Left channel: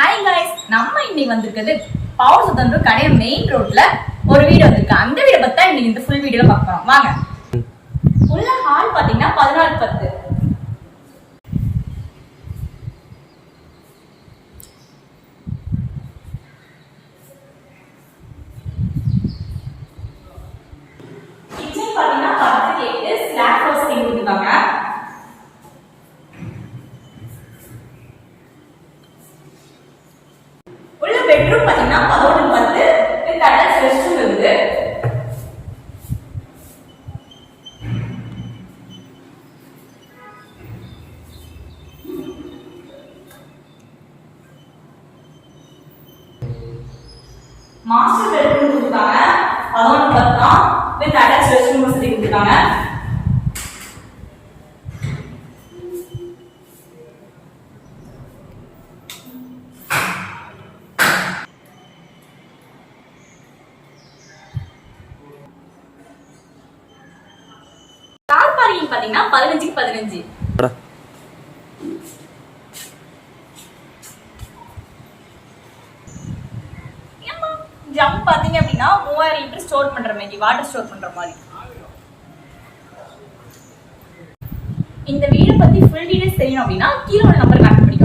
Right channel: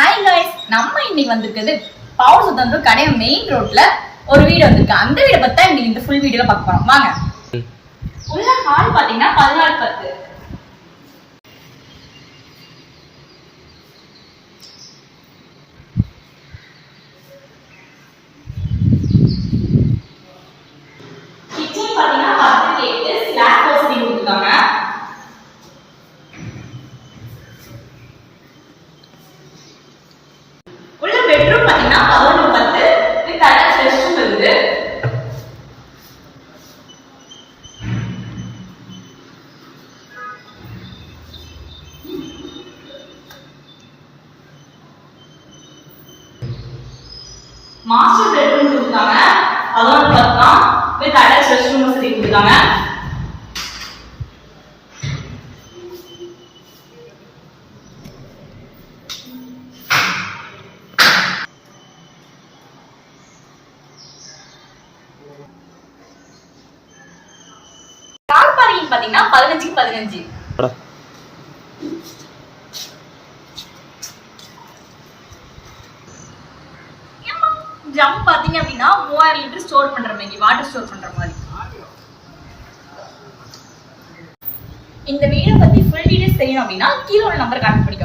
Hi guys, நம்ம இன்னைக்கு வந்திருக்கிறது பவர் சுத்தந்தூர் கடை மெயின் ரோட்ல ஒரு வீடு வந்திருக்கு. அந்த வீடை பத்தி இன்னைக்கு இந்த ஃபுல் வீடியோல பார்க்க போறோம். வாங்க. உள்ள ஹால் பாத்தீங்கன்னா 14:10. கிச்சன் பாத்தீங்கன்னா 10:8 ஸ்லாப் வசதி கொடுத்துருக்காங்க. பெட்ரூம் பாத்தீங்கன்னா 11:10 வித் அட்டாச் ரெஸ்ட் ரூம் இருக்குது. மாஸ்டர் பெட்ரூம் கொடுத்தாங்க 11:10 தான் வித் அட்டாச் ரெஸ்ட் ரூம் வசதி கொடுத்தாங்க. கார் பார்க்கிங் பாத்தீங்கன்னா 15:15. ஜம்ப் பாத்தீங்க அப்படின்னா 3000 லிட்டர் ஸ்டோர் பண்ற மாதிரி, வாட்டர் ஸ்டோர் பண்ற மாதிரி. இந்த வீடியோ பத்தி ஃபுல் டீடைல்ஸ் தெரியணும் அப்படின்னா கீழே உள்ள நம்பர் கான்டாக்ட் பண்ணி